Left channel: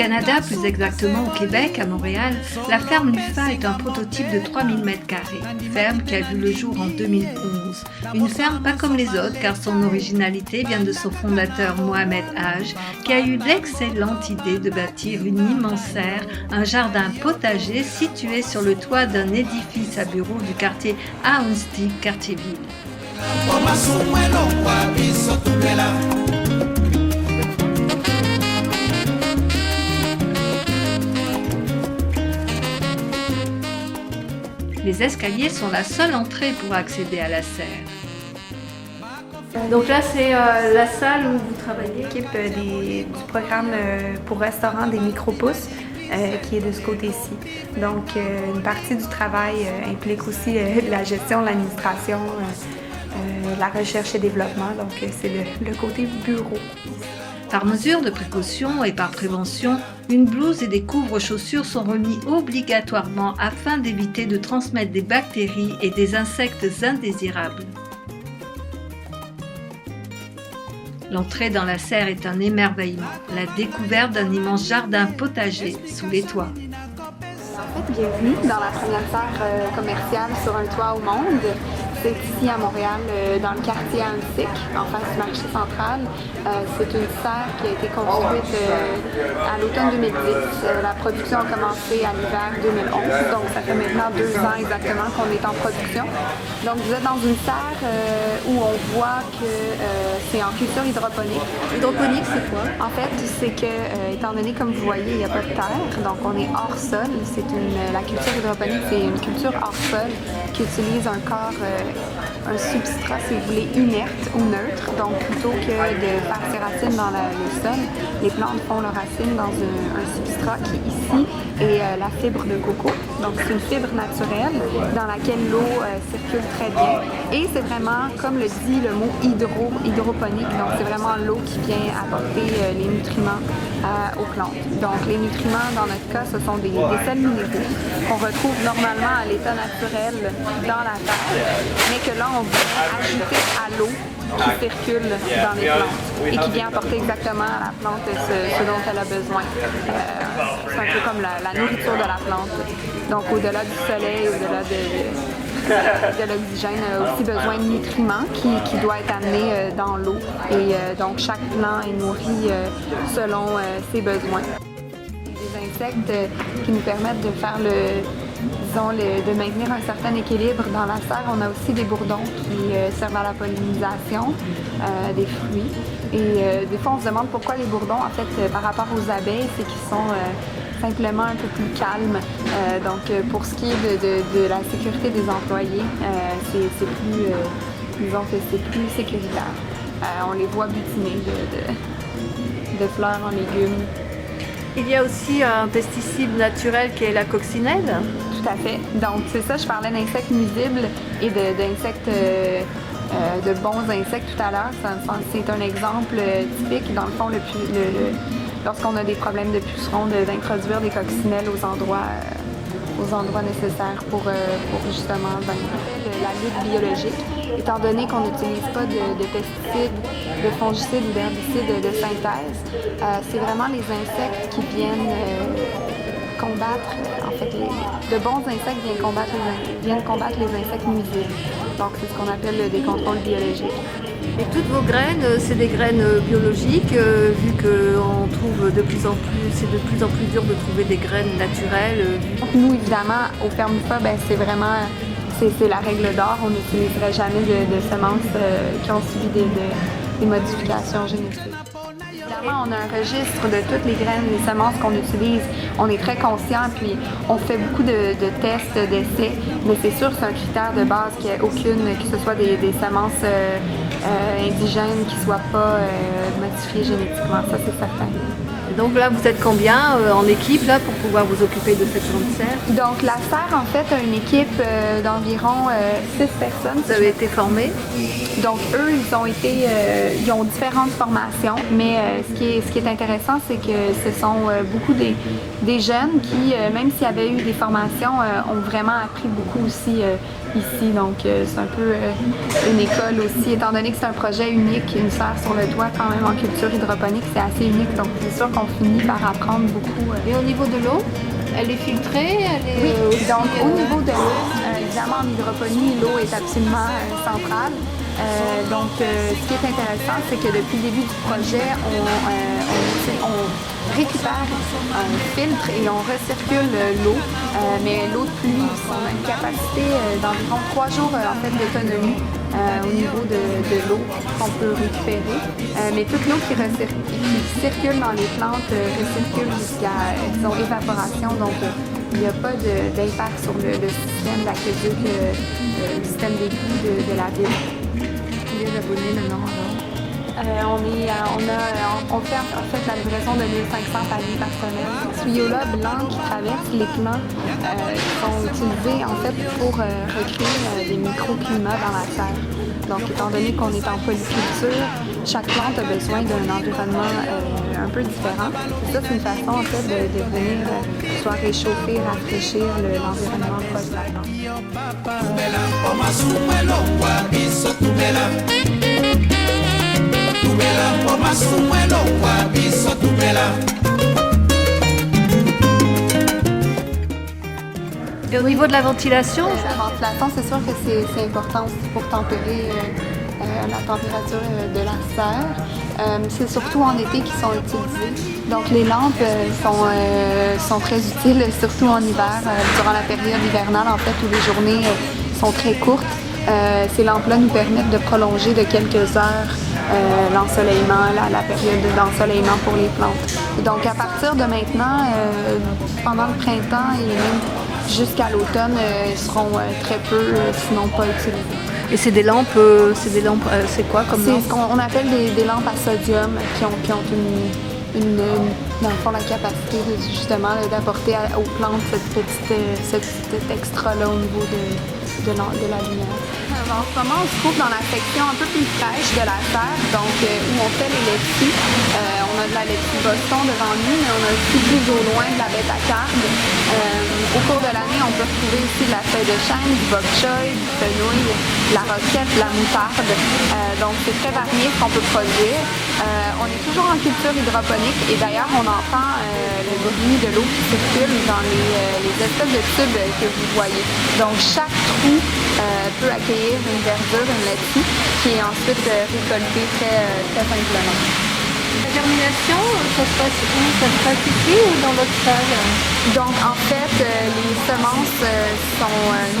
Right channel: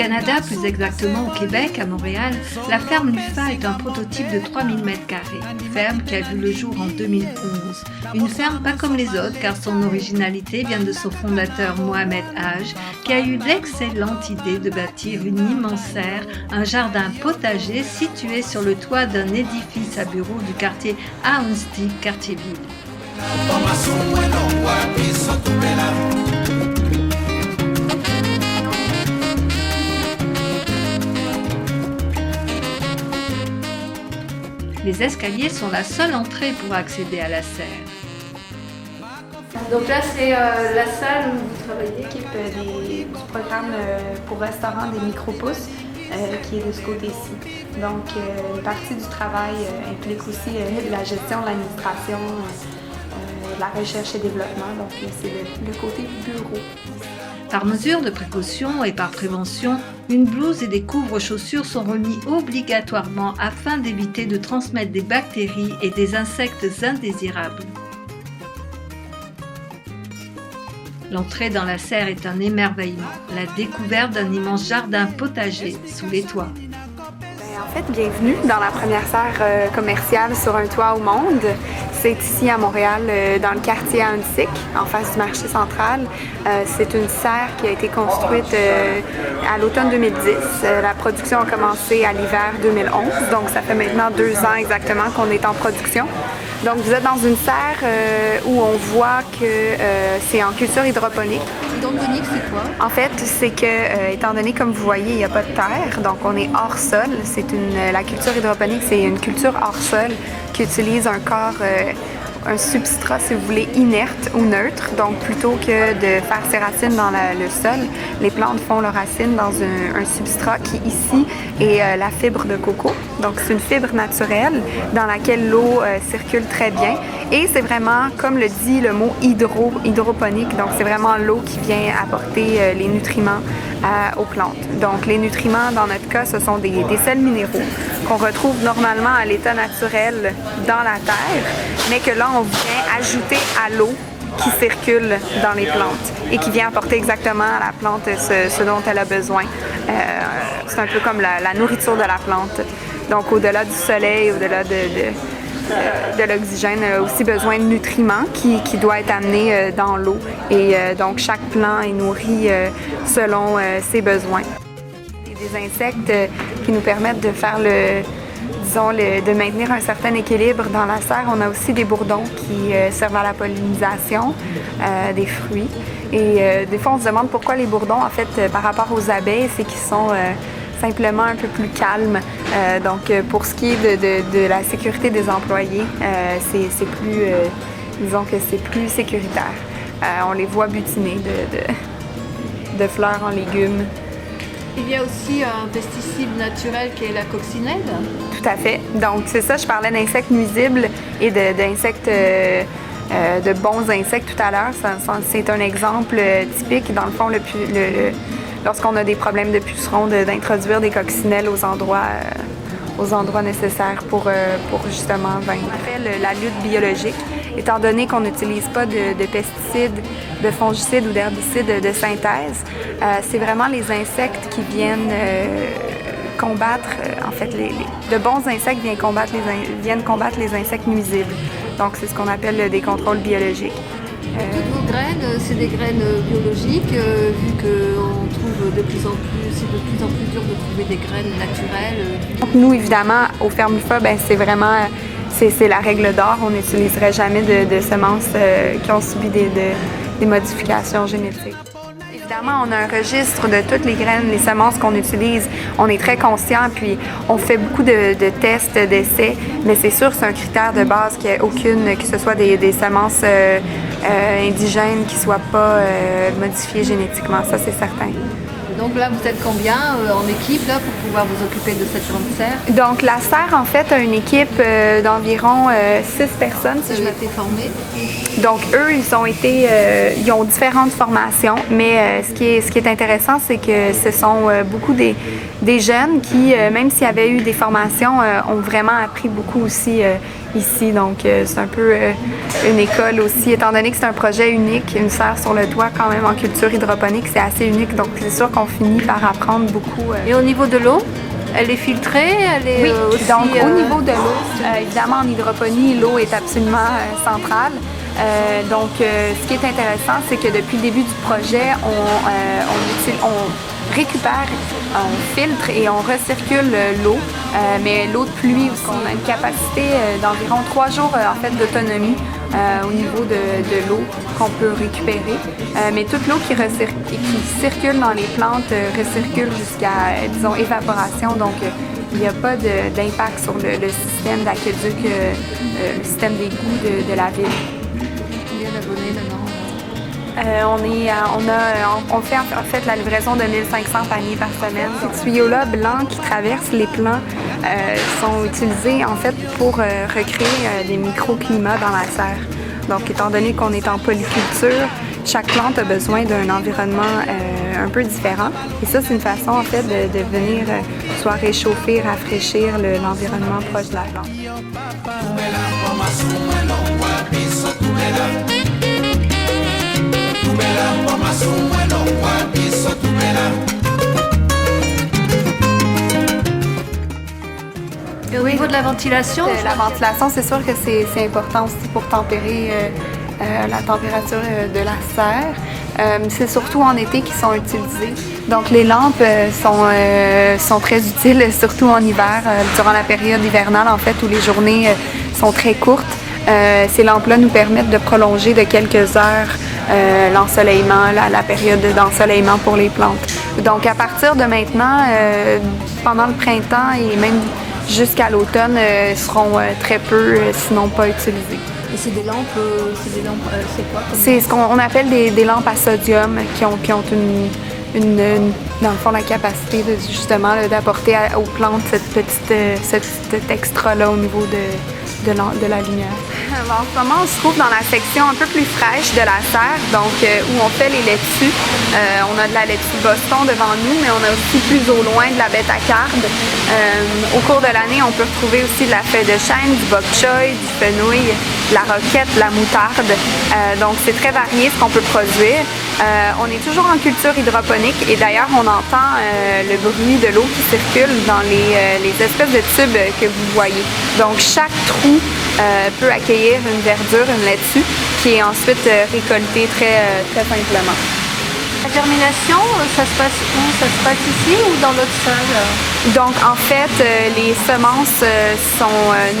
Canada, plus exactement au Québec, à Montréal, la ferme Lufa est un prototype de 3000 m². Ferme qui a vu le jour en 2011. Une ferme pas comme les autres car son originalité vient de son fondateur Mohamed Haj qui a eu l'excellente idée de bâtir une immense serre, un jardin potager situé sur le toit d'un édifice à bureaux du quartier Ahuntsic, quartier-ville. Les escaliers sont la seule entrée pour accéder à la serre. Donc là, c'est la salle où vous travaillez. L'équipe des programmes pour restaurants des micro-pousses qui est de ce côté-ci. Donc, une partie du travail implique aussi la gestion de l'administration, la recherche et développement. Donc, c'est le côté bureau. Par mesure de précaution et par prévention, une blouse et des couvre-chaussures sont remis obligatoirement afin d'éviter de transmettre des bactéries et des insectes indésirables. L'entrée dans la serre est un émerveillement, la découverte d'un immense jardin potager sous les toits. En fait, bienvenue dans la première serre commerciale sur un toit au monde. C'est ici à Montréal, dans le quartier Ahuntsic, en face du marché central. C'est une serre qui a été construite à l'automne 2010. La production a commencé à l'hiver 2011, donc ça fait maintenant 2 ans exactement qu'on est en production. Donc vous êtes dans une serre où on voit que c'est en culture hydroponique. Hydroponique, c'est quoi? En fait, c'est que, étant donné, comme vous voyez, il n'y a pas de terre, donc on est hors sol. La culture hydroponique, c'est une culture hors sol qui utilise un corps, un substrat, si vous voulez, inerte ou neutre. Donc, plutôt que de faire ses racines dans le sol, les plantes font leurs racines dans un substrat qui, ici, est la fibre de coco. Donc, c'est une fibre naturelle dans laquelle l'eau circule très bien. Et c'est vraiment, comme le dit le mot hydroponique, donc c'est vraiment l'eau qui vient apporter les nutriments aux plantes. Donc, les nutriments, dans notre cas, ce sont des sels minéraux qu'on retrouve normalement à l'état naturel dans la terre, mais que là, on vient ajouter à l'eau qui circule dans les plantes et qui vient apporter exactement à la plante ce dont elle a besoin. C'est un peu comme la nourriture de la plante. Donc, au-delà du soleil, au-delà de l'oxygène, a aussi besoin de nutriments qui doivent être amenés dans l'eau. Et donc, chaque plant est nourri selon ses besoins. Il y a des insectes qui nous permettent de faire de maintenir un certain équilibre dans la serre. On a aussi des bourdons qui servent à la pollinisation des fruits. Et des fois, on se demande pourquoi les bourdons, en fait, par rapport aux abeilles, c'est qu'ils sont simplement un peu plus calmes. Donc, pour ce qui est de la sécurité des employés, c'est plus, disons que c'est plus sécuritaire. On les voit butiner de fleurs en légumes. Il y a aussi un pesticide naturel qui est la coccinelle. Tout à fait. Donc, c'est ça, je parlais d'insectes nuisibles et d'insectes, de bons insectes tout à l'heure. C'est un exemple typique, dans le fond, lorsqu'on a des problèmes de pucerons, d'introduire des coccinelles aux endroits nécessaires pour justement vaincre la lutte biologique. Étant donné qu'on n'utilise pas de pesticides, de fongicides ou d'herbicides de synthèse, c'est vraiment les insectes qui viennent combattre, en fait, de bons insectes viennent combattre les insectes nuisibles. Donc, c'est ce qu'on appelle des contrôles biologiques. Et toutes vos graines, c'est des graines biologiques, vu qu'on trouve de plus en plus, c'est de plus en plus dur de trouver des graines naturelles. Donc, nous, évidemment, au Ferme Lufa, c'est vraiment... C'est la règle d'or. On n'utiliserait jamais de semences qui ont subi des modifications génétiques. Évidemment, on a un registre de toutes les graines, les semences qu'on utilise. On est très conscient, puis on fait beaucoup de tests, d'essais, mais c'est sûr, c'est un critère de base qu'il n'y ait aucune, que ce soit des semences indigènes qui ne soient pas modifiées génétiquement, ça c'est certain. Et donc là, vous êtes combien en équipe là, pour pouvoir vous occuper de cette grande serre? Donc la serre, en fait, a une équipe d'environ 6 personnes. Vous avez été formés? Donc eux, ils ont différentes formations, mais ce qui est intéressant, c'est que ce sont beaucoup des jeunes qui, même s'il y avait eu des formations, ont vraiment appris beaucoup aussi ici. Donc, c'est un peu une école aussi, étant donné que c'est un projet unique, une serre sur le toit quand même en culture hydroponique, c'est assez unique. Donc, c'est sûr qu'on finit par apprendre beaucoup. Et au niveau de l'eau, elle est filtrée, elle est aussi... Donc, au niveau de l'eau, évidemment, en hydroponie, l'eau est absolument centrale. Donc, ce qui est intéressant, c'est que depuis le début du projet, on récupère, on filtre et on recircule l'eau, mais l'eau de pluie, on a une capacité d'environ 3 jours en fait, d'autonomie au niveau de l'eau qu'on peut récupérer. Mais toute l'eau qui circule dans les plantes recircule jusqu'à, disons, évaporation. Donc, il n'y a pas d'impact sur le système d'aqueduc, le système d'égout de la ville. Combien d'abonnés maintenant? On fait en fait la livraison de 1500 paniers par semaine. Ces tuyaux-là blancs qui traversent les plants sont utilisés en fait pour recréer des microclimats dans la serre. Donc, étant donné qu'on est en polyculture, chaque plante a besoin d'un environnement un peu différent. Et ça, c'est une façon en fait de venir soit réchauffer, rafraîchir l'environnement proche de la plante. Et au niveau de la ventilation? La ventilation, c'est sûr que c'est important aussi pour tempérer la température de la serre. C'est surtout en été qu'ils sont utilisés. Donc les lampes sont très utiles, surtout en hiver, durant la période hivernale en fait, où les journées sont très courtes. Ces lampes-là nous permettent de prolonger de quelques heures l'ensoleillement, la période d'ensoleillement pour les plantes. Donc à partir de maintenant, pendant le printemps et même jusqu'à l'automne, seront très peu, sinon pas utilisées. Et c'est des lampes, c'est quoi comme C'est lampe? ce qu'on appelle des lampes à sodium qui ont dans le fond, la capacité justement d'apporter aux plantes cet extra-là au niveau de la lumière. En ce moment, on se trouve dans la section un peu plus fraîche de la serre, donc où on fait les laitues. On a de la laitue Boston devant nous, mais on a aussi plus au loin de la bêta-carbe. Au cours de l'année, on peut retrouver aussi de la feuille de chêne, du bok choy, du fenouil, de la roquette, de la moutarde. Donc, c'est très varié ce qu'on peut produire. On est toujours en culture hydroponique et d'ailleurs, on entend le bruit de l'eau qui circule dans les espèces de tubes que vous voyez. Donc, chaque trou peut accueillir une verdure, une laitue, qui est ensuite récoltée très simplement. La germination, ça se passe où? Ça se passe ici ou dans l'autre salle? Donc, en fait, les semences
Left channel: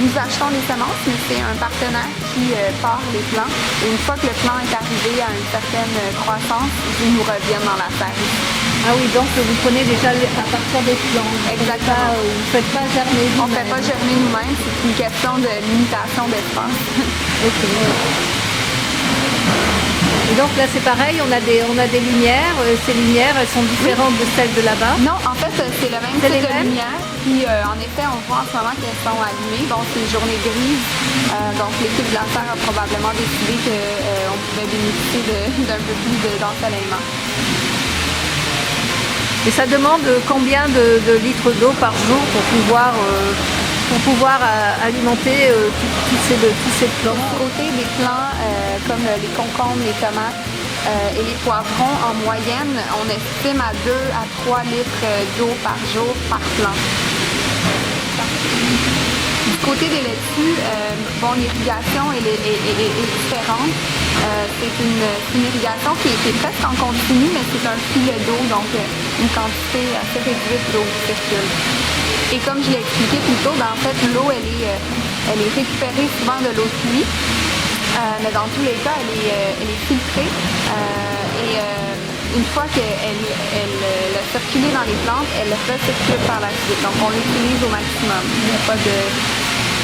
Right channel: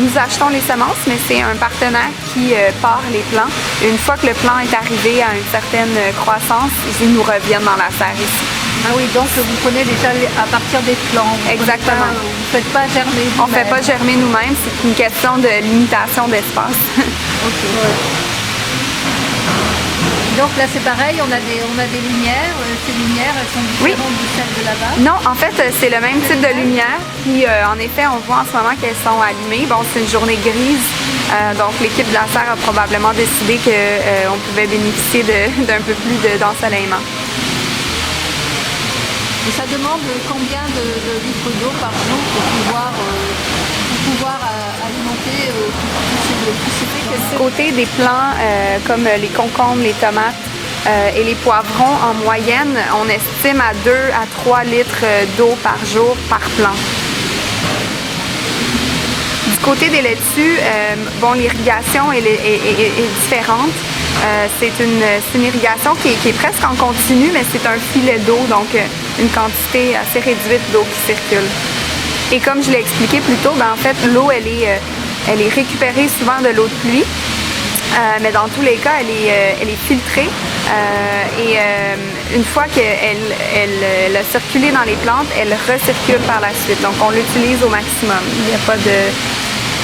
nous achetons les semences, mais c'est un partenaire qui part les plants. Une fois que le plant est arrivé à une certaine croissance, ils nous reviennent dans la serre ici. Ah oui, donc vous prenez déjà à partir des plants. Vous ne faites pas germer vous-même. On ne fait pas germer nous-mêmes, c'est une question de limitation d'espace. OK. Donc là c'est pareil, on a des lumières. Ces lumières, elles sont différentes de celles de là-bas? Non, en fait c'est le même type de lumière. Puis en effet, on voit en ce moment qu'elles sont allumées. Bon, c'est une journée grise, donc l'équipe de la serre a probablement décidé qu'on pouvait bénéficier d'un peu plus d'ensoleillement. Et ça demande combien de litres d'eau par jour pour pouvoir alimenter tous ces plants? Du côté des plants comme les concombres, les tomates et les poivrons, en moyenne, on estime à 2 à 3 litres d'eau par jour par plant. Du côté des laitues, l'irrigation est différente. C'est une irrigation qui est presque en continu, mais c'est un filet d'eau, donc une quantité assez réduite d'eau qui circule. Et comme je l'ai expliqué plus tôt, en fait, l'eau, elle est récupérée souvent de l'eau de pluie, mais dans tous les cas, elle est filtrée. Une fois qu'elle a circulé dans les plantes, elle recircule par la suite. Donc, on l'utilise au maximum.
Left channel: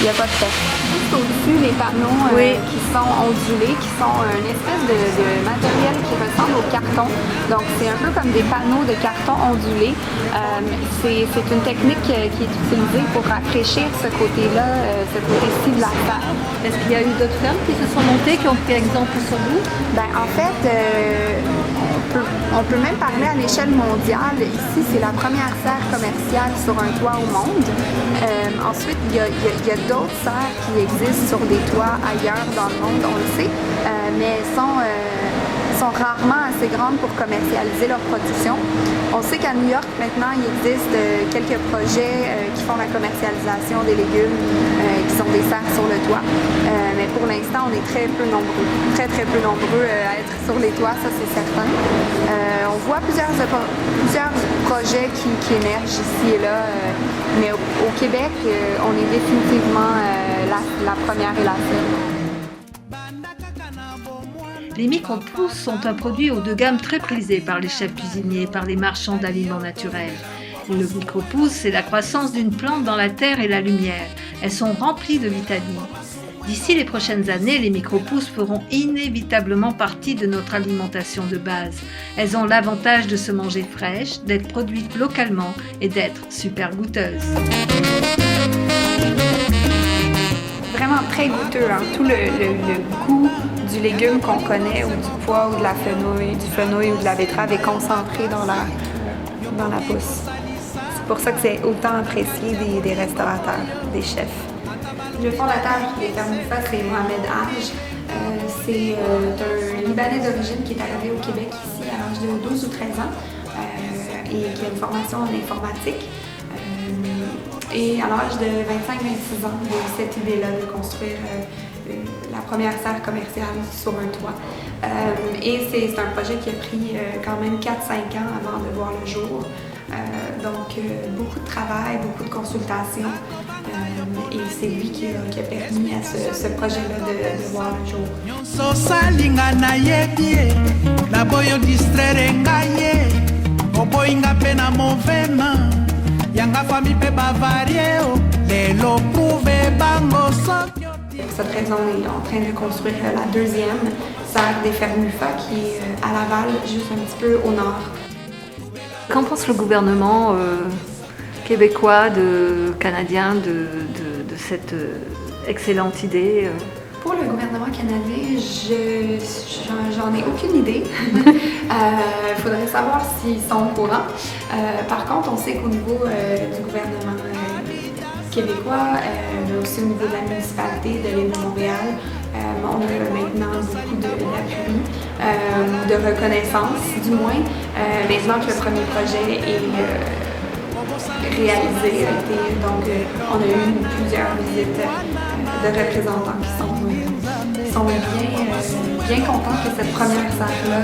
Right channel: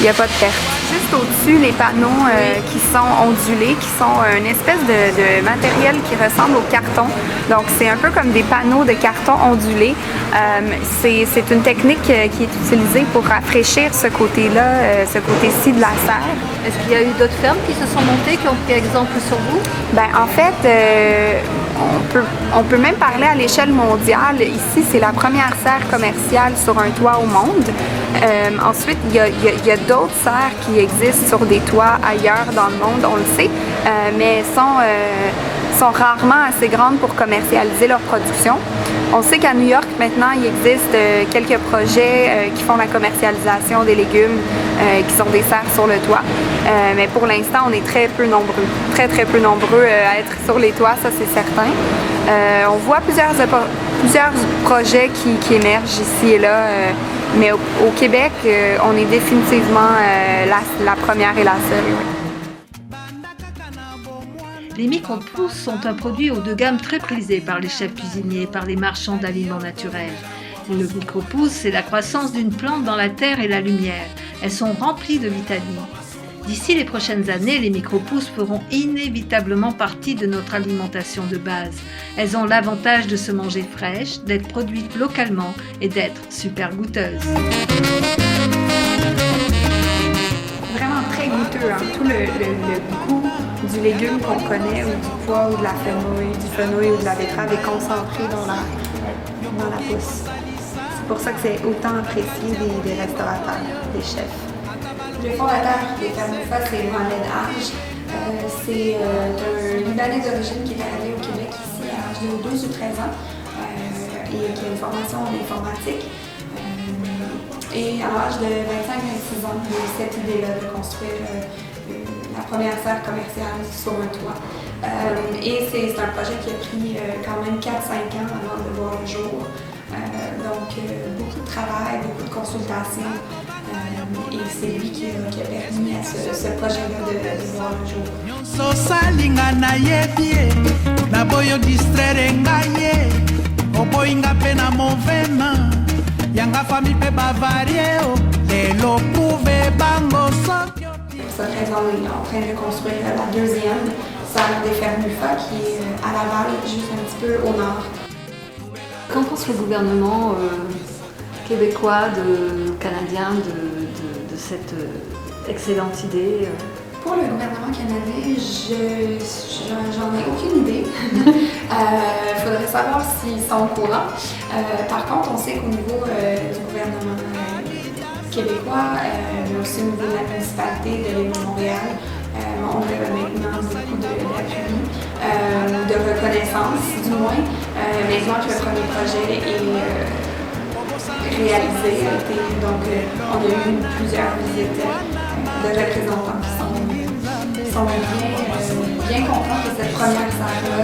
Il n'y a pas de perte. Juste au-dessus, les panneaux qui sont ondulés, qui sont une espèce de matériel qui ressemble au carton. Donc, c'est un peu comme des panneaux de carton ondulés. C'est une technique qui est utilisée pour rafraîchir ce côté-là, ce côté-ci de la serre. Est-ce qu'il y a eu d'autres fermes qui se sont montées, qui ont pris exemple sur vous? En fait, on peut même parler à l'échelle mondiale. Ici, c'est la première serre commerciale sur un toit au monde. Ensuite, il y a d'autres serres qui existent sur des toits ailleurs dans le monde, on le sait, mais sont rarement assez grandes pour commercialiser leur production. On sait qu'à New York, maintenant, il existe quelques projets qui font la commercialisation des légumes qui sont des serres sur le toit. Mais pour l'instant, on est très peu nombreux, très peu nombreux à être sur les toits, ça c'est certain. On voit plusieurs projets qui émergent ici et là, mais au Québec, on est définitivement la première et la seule. Les micro-pousses sont un produit haut de gamme très prisé par les chefs cuisiniers et par les marchands d'aliments naturels. Le micro-pousse, c'est la croissance d'une plante dans la terre et la lumière. Elles sont remplies de vitamines. D'ici les prochaines années, les micro-pousses feront inévitablement partie de notre alimentation de base. Elles ont l'avantage de se manger fraîches, d'être produites localement et d'être super goûteuses. Vraiment très goûteux, tout le goût du légume qu'on connaît, ou du poivre, de la fenouil, du fenouil ou de la betterave est concentré dans la pousse. C'est pour ça que c'est autant apprécié des restaurateurs, des chefs. Le fondateur des Fermes Mufa, c'est Mohamed Haj. C'est un Libanais d'origine qui est arrivé au Québec ici à l'âge de 12 ou 13 ans et qui a une formation en informatique. Et à l'âge de 25-26 ans, il a eu cette idée-là de construire la première serre commerciale sur un toit. Et c'est un projet qui a pris quand même 4-5 ans avant de voir le jour. Donc, beaucoup de travail, beaucoup de consultations. Et c'est lui qui a permis à ce projet-là de voir le jour. Pour cette raison, on est en train de construire la deuxième serre des Fermes Mufa qui est à Laval, juste un petit peu au nord. Qu'en pense le gouvernement québécois, canadien de cette excellente idée? Pour le gouvernement canadien, j'en ai aucune idée. Il faudrait savoir s'ils sont au courant. Par contre, on sait qu'au niveau du gouvernement québécois, mais aussi au niveau de la municipalité de l'île de Montréal, on a maintenant beaucoup d'appui, de reconnaissance du moins. Maintenant que le premier projet est réalisé, donc on a eu plusieurs visites de représentants qui sont bien contents que cette première serre-là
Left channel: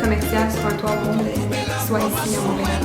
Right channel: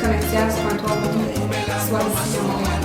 commerciale sur un toit rouge soit ici à Montréal.